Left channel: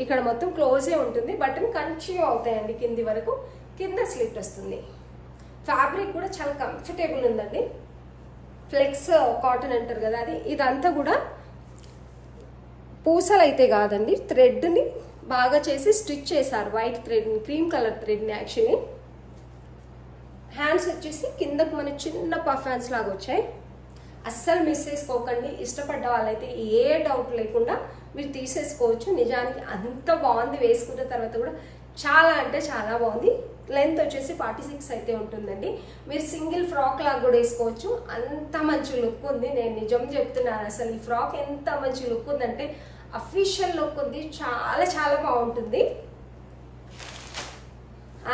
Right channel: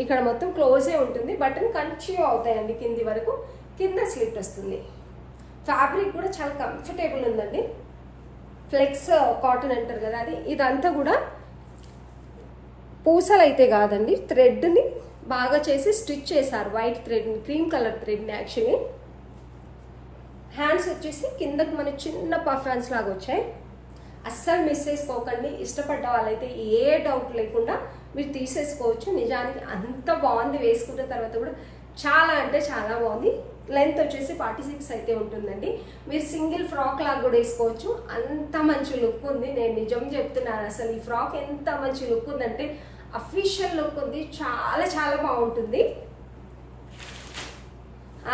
ఇక్కడ మొత్తం క్లోజే ఉంటుంది. బటన్ కంటిన్యూ అవుతాయండి కింది వరకు. కింద స్లిట్ వస్తుంది. ఫ్యాబ్రిక్ కూడా చాలా కంఫర్టబుల్ ఉందండి. ఫ్లెక్స్ కాటన్ అంటారు కదా అది. ఇదంతా కూడా పూసలు అయితే కాదండి, థ్రెడ్ని బాగా చేసి స్టిచ్ చేశారు. వైట్ థ్రెడ్ని, క్రీమ్ కలర్ థ్రెడ్ని యాక్చువల్లీ. హ్యాండ్స్ వచ్చేసి కిందకు మన చిన్న పఫ్ హ్యాండ్స్ లాగా వచ్చాయి. అస్సలు మిస్ చేసుకోకండి. ఇష్టపడ్డ వాళ్ళైతే ఏ డౌట్ లేకుండా మీరు తీసేసుకోవచ్చు. నిజానికి అంత బాగుంది. వేసుకున్న తర్వాత కూడా చాలా అంటే చాలా బాగుంది. లెంత్ వచ్చేసి 46 అయితే ఉంటుందండి. మీరు సింగిల్ ఫ్రాక్ లాగా కూడా వేసుకోవచ్చు. అంత మంచి లుక్ ఉంది. నేను నిజం చెప్తున్నాను, అసలు ఈ ఫ్రాక్ ఎంత మంచి లుక్ ఉందంటే అఫీషియల్ లుక్ ఉంది. చాలా చాలా బాగుంటుంది.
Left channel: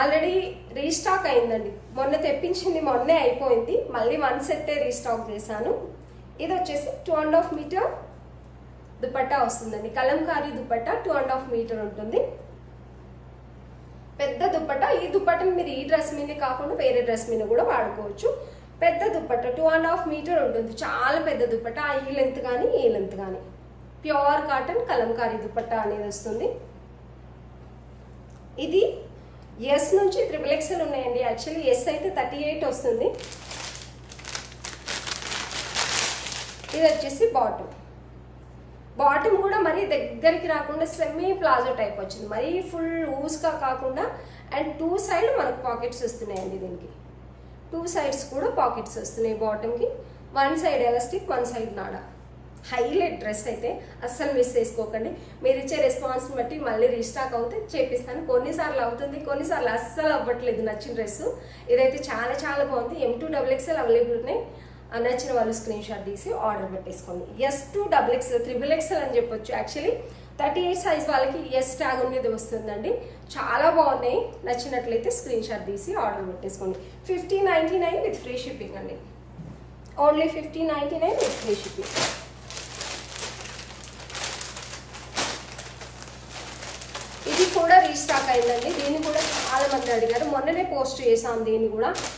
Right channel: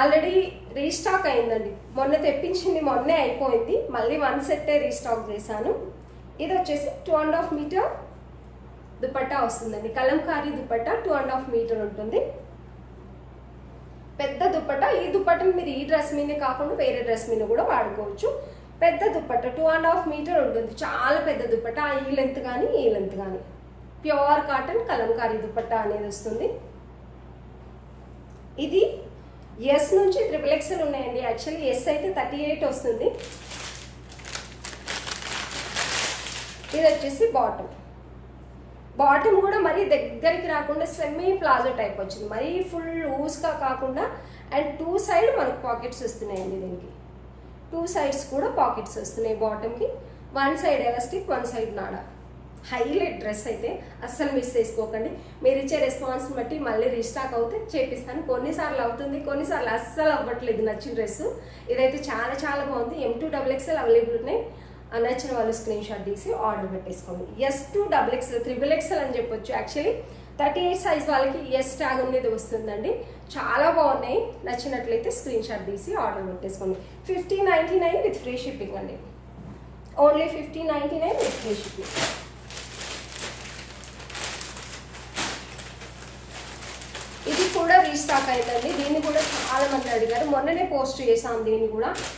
ఆల్రెడీ రీస్టాక్ అయిందండి. మొన్న తెప్పించింది మొన్నే అయిపోయింది. మళ్ళీ 1 సెట్టే రీస్టాక్ చేశాను. ఇది వచ్చేసి 2.5 మీటర్ దుపట్టా వస్తుందండి. కలంకారీ దుపట్టా 2.5 మీటర్ ఉంటుంది. పెద్ద దుపట్టా. ఈ దుపట్టను మీరు ఈ డ్రెస్ మీద కాకుండా వేరే డ్రెస్ మీద కూడా వాడుకోవచ్చు. పెద్ద దుపట్టా 2.5 మీటర్ ఉంటుంది. చాలా పెద్ద దుపట్టా. ఈ లెంత్ కానీ ఈ లెంత్ కానీ. ప్యూర్ కాటన్ కలంకారీ దుపట్టా అనేది వస్తుంది. ఇది ఎస్ నుంచి XXL ఉన్నాయండి. యాక్చువల్లీ ఎస్ అయితే 38 వస్తుంది. ఇది వచ్చేసి బాటమ్. బాటమ్ కూడా మరీ దగ్గరికి రాకుండా సెమీ ప్లాజో టైప్ వచ్చింది. మరీ ఫుల్ లూజ్గా కాకుండా. అండ్ 2 సైడ్ మనకు పాకెట్స్ వస్తున్నాయండి. దీనికి 2 సైడ్స్ కూడా పాకెట్స్ వస్తున్నాయి బాటమ్కి. 1 సైడ్ ఎలాస్టిక్, 1 సైడ్ నాడా. హైలైట్ డ్రెస్ అయితే అస్సలు మిస్ చేసుకోకండి. మీరు ఇచ్చే రెస్పాన్స్ బట్టి మళ్ళీ రీస్టాక్ అవుతే చేపిస్తాను. కొన్నిసార్లు అవుతుంది, కొన్నిసార్లు అస్సలు అవ్వట్లేదు నచ్చిన డ్రెస్. ఇదైతే చాలా చాలా బాగుంది. M2 XXL అవైలబుల్ ఉన్నాయి. నచ్చిన వాళ్ళు స్క్రీన్ షాట్ తీసి ఆర్డర్ పెట్టేసుకోండి. S2 XXL, XXL అని చెప్పొచ్చు. యాక్చువల్లీ 38 సైజ్ వాళ్ళకి ఎస్ ట్యాగ్ అనేది వస్తుందండి. చాలా బాగున్నాయి. నచ్చినట్లయితే స్క్రీన్ షాట్ తీసి ఆర్డర్ పెట్టేసుకోండి. 1599 విత్ ఫ్రీ షిప్పింగ్ అండి. Only 1599 with free shipping. ఇది కూడా రీస్టాక్ అయిందండి. దీన్ని కూడా చాలా మంది అడిగారు. మొన్ననే పోస్ట్ చేసాం దీన్ని కూడా.